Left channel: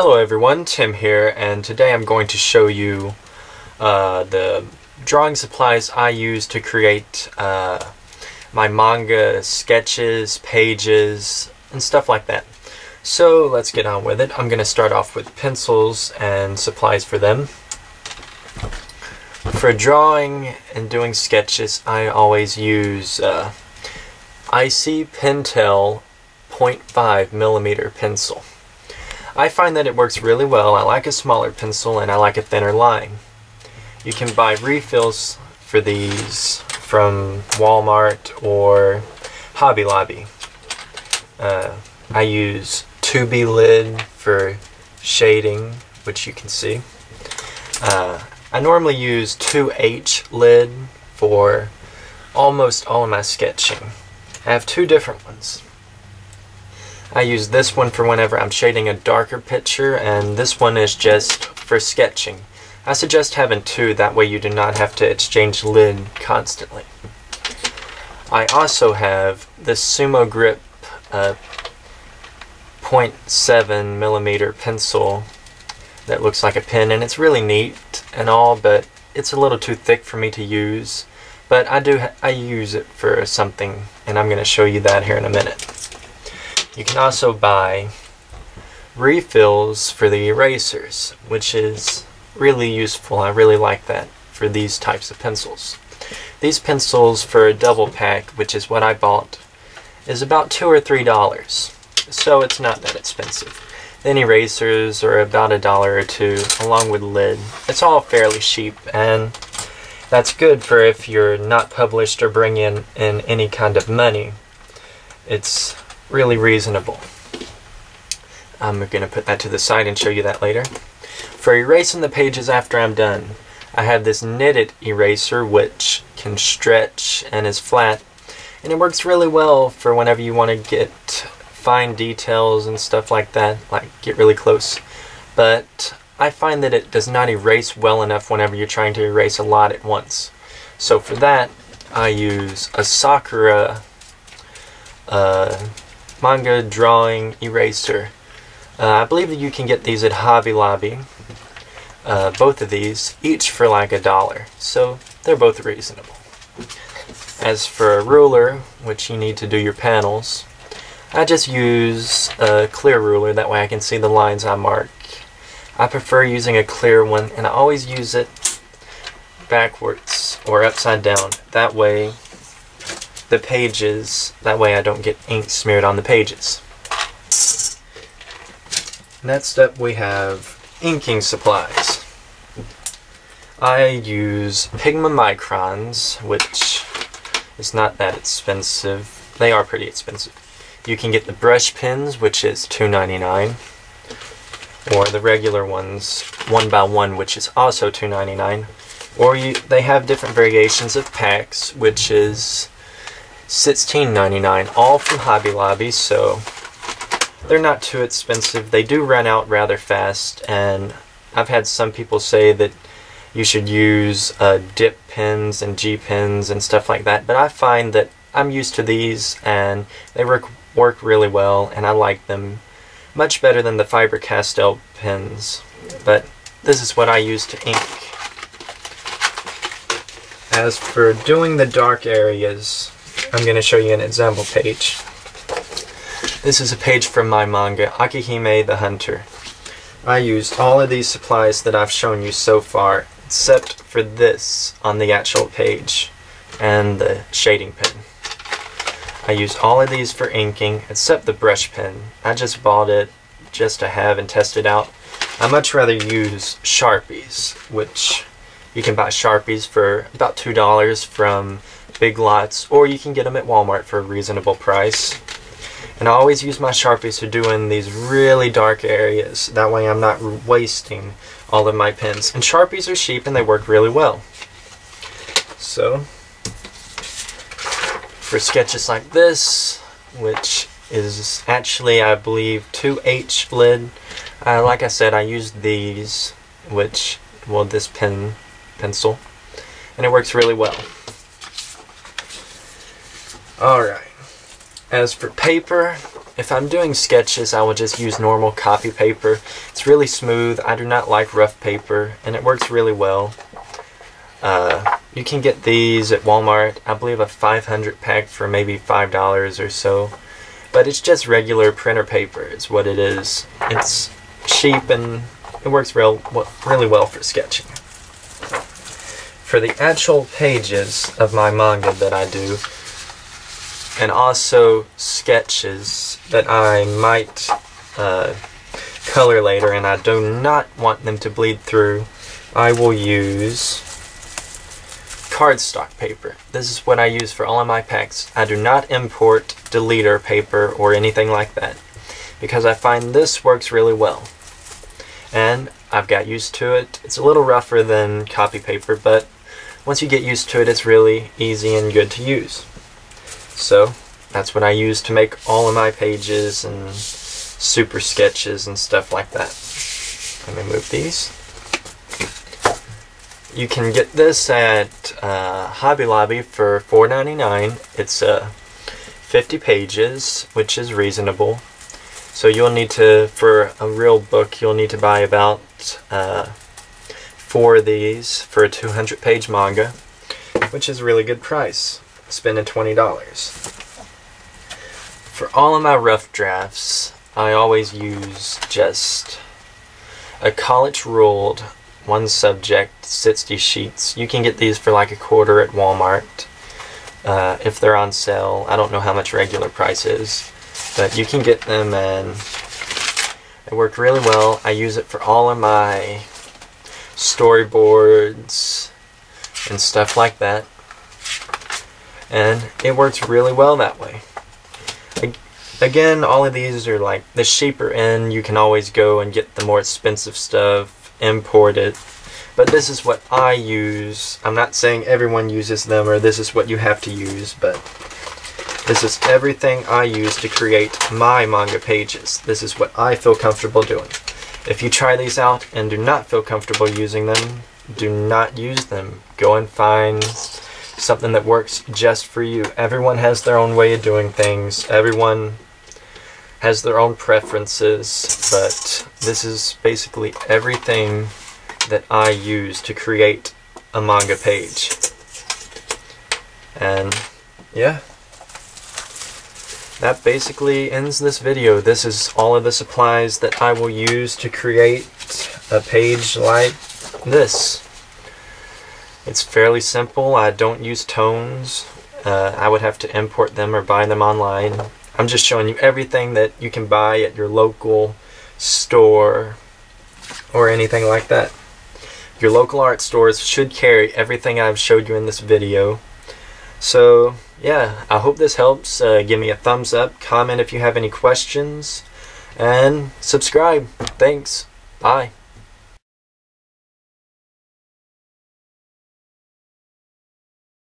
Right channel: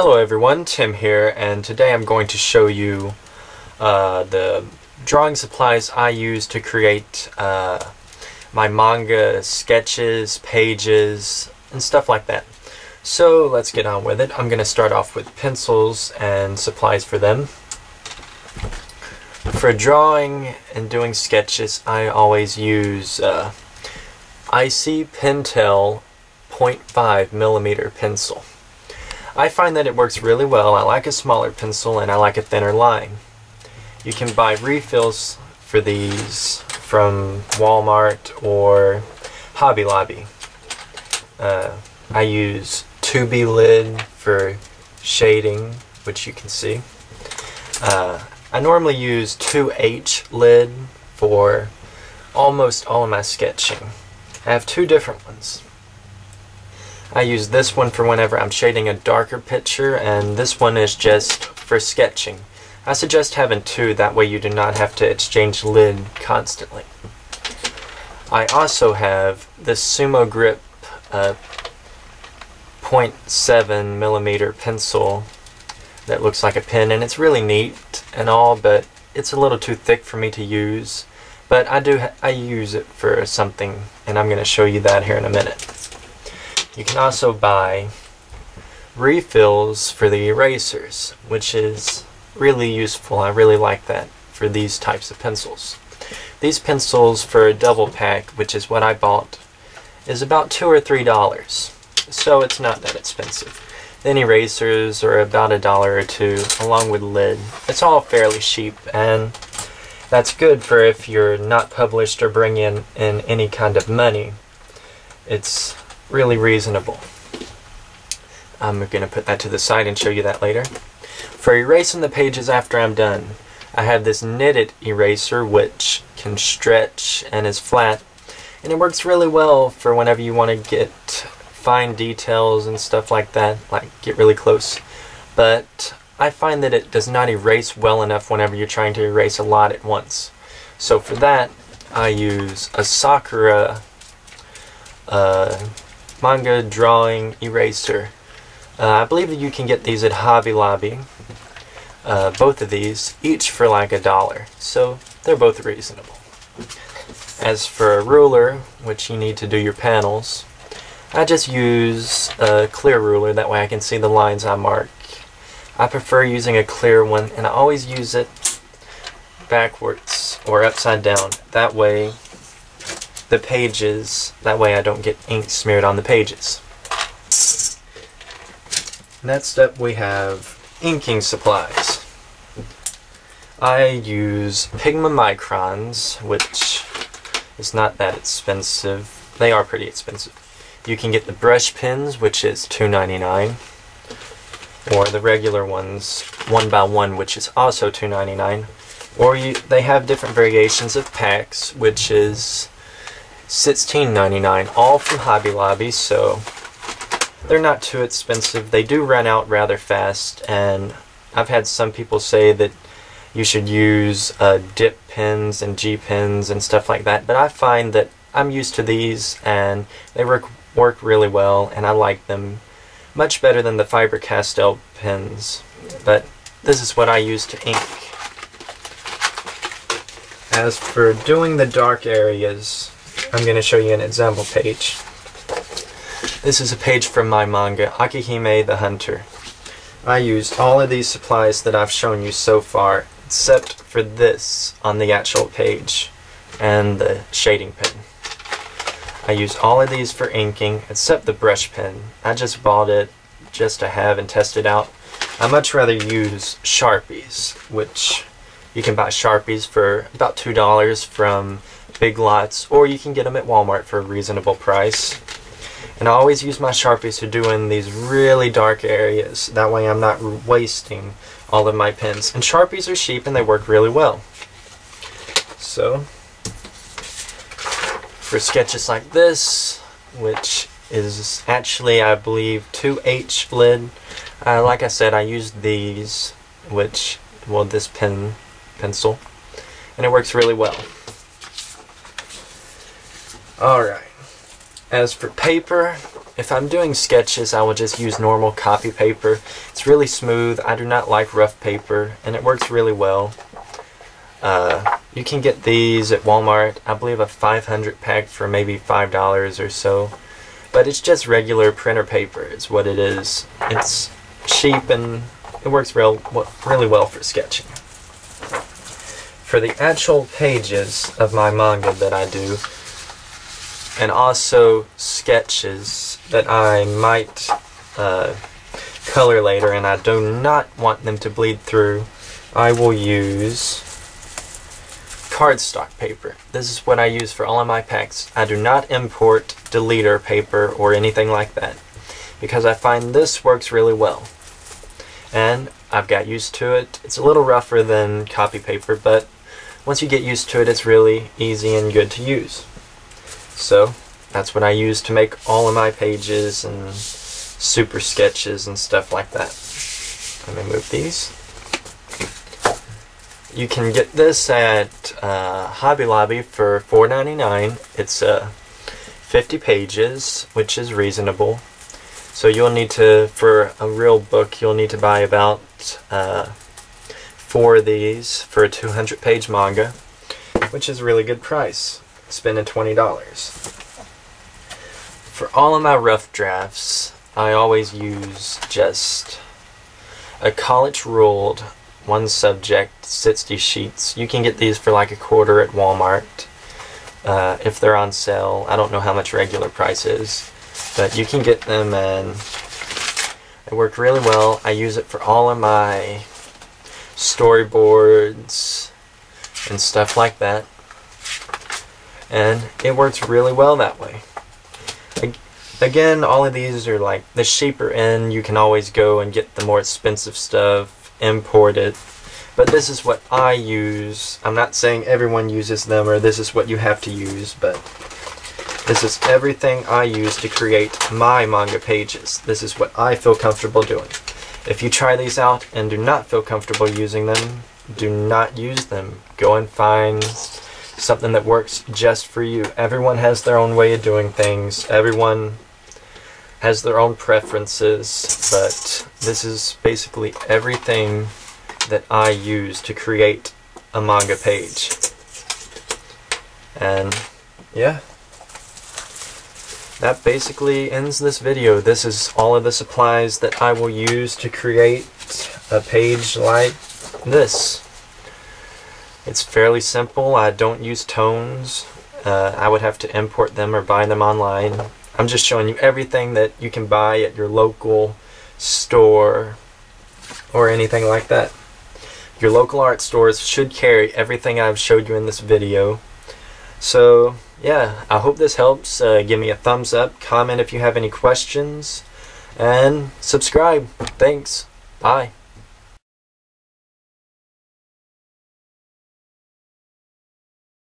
Hello everyone, Tim here, and today I'm going to show you the drawing supplies I use to create my manga sketches, pages, and stuff like that. So let's get on with it. I'm going to start off with pencils and supplies for them. For drawing and doing sketches, I always use IC PENTEL 0.5mm pencil. I find that it works really well. I like a smaller pencil and I like a thinner line. You can buy refills for these from Walmart or Hobby Lobby. I use 2B lid for shading, which you can see. I normally use 2H lid for almost all of my sketching. I have two different ones. I use this one for whenever I'm shading a darker picture, and this one is just for sketching. I suggest having two, that way you do not have to exchange lid constantly. I also have this SUMO grip 0.7mm pencil that looks like a pen, and it's really neat and all, but it's a little too thick for me to use. But I use it for something, and I'm going to show you that here in a minute. You can also buy refills for the erasers, which is really useful. I really like that for these types of pencils. These pencils for a double pack, which is what I bought, is about $2 or $3, so it's not that expensive. Then erasers are about $1 or $2, along with lid. It's all fairly cheap, and that's good for if you're not published or bring in any kind of money. It's really reasonable. I'm going to put that to the side and show you that later. For erasing the pages after I'm done, I have this knitted eraser which can stretch and is flat, and it works really well for whenever you want to get fine details and stuff like that, like get really close. But I find that it does not erase well enough whenever you're trying to erase a lot at once. So for that, I use a SAKURA manga drawing eraser. I believe that you can get these at Hobby Lobby. Both of these, each for like $1. So they're both reasonable. As for a ruler, which you need to do your panels, I just use a clear ruler, that way I can see the lines I mark. I prefer using a clear one, and I always use it backwards or upside down. That way I don't get ink smeared on the pages. Next up we have inking supplies. I use PIGMA MICRONs, which is not that expensive. They are pretty expensive. You can get the brush pens, which is $2.99, or the regular ones 1x1, which is also $2.99. Or they have different variations of packs, which is $16.99, all from Hobby Lobby, so they're not too expensive. They do run out rather fast, and I've had some people say that you should use dip pens and G pens and stuff like that, but I find that I'm used to these and they work really well, and I like them much better than the Faber-Castell pens. But this is what I use to ink. As for doing the dark areas, I'm going to show you an example page. This is a page from my manga, Akihime the Hunter. I used all of these supplies that I've shown you so far, except for this on the actual page, and the shading pen. I used all of these for inking, except the brush pen. I just bought it just to have and test it out. I much rather use Sharpies, which you can buy Sharpies for about $2 from Big Lots, or you can get them at Walmart for a reasonable price. And I always use my Sharpies to do in these really dark areas. That way I'm not wasting all of my pens. And Sharpies are cheap and they work really well. So, for sketches like this, which is actually, I believe, 2H lid, like I said, I used these, this pencil, and it works really well. Alright, as for paper, if I'm doing sketches, I will just use normal copy paper. It's really smooth. I do not like rough paper, and it works really well. You can get these at Walmart. I believe a 500 pack for maybe $5 or so. But it's just regular printer paper is what it is. It's cheap and it works really well for sketching. For the actual pages of my manga that I do, and also sketches that I might color later and I do not want them to bleed through, I will use cardstock paper. This is what I use for all of my packs. I do not import deleter paper or anything like that because I find this works really well. And I've got used to it. It's a little rougher than copy paper, but once you get used to it, it's really easy and good to use. So that's what I use to make all of my pages and super sketches and stuff like that. Let me move these. You can get this at Hobby Lobby for $4.99. It's 50 pages, which is reasonable. So you'll need to, for a real book, you'll need to buy about 4 of these for a 200-page manga, which is a really good price, spending $20. For all of my rough drafts, I always use just a college ruled 1 subject 60 sheets. You can get these for like $1 at Walmart if they're on sale. I don't know how much regular price is, but you can get them and they work really well. I use it for all of my storyboards and stuff like that, and it works really well that way. Again, all of these are like the cheaper end. You can always go and get the more expensive stuff, import it, but this is what I use. I'm not saying everyone uses them or this is what you have to use, but this is everything I use to create my manga pages. This is what I feel comfortable doing. If you try these out and do not feel comfortable using them, do not use them. Go and find something that works just for you. Everyone has their own way of doing things. Everyone has their own preferences, but this is basically everything that I use to create a manga page. And yeah, that basically ends this video. This is all of the supplies that I will use to create a page like this. It's fairly simple. I don't use tones. I would have to import them or buy them online. I'm just showing you everything that you can buy at your local store or anything like that. Your local art stores should carry everything I've showed you in this video. So yeah, I hope this helps. Give me a thumbs up, comment if you have any questions, and subscribe. Thanks. Bye.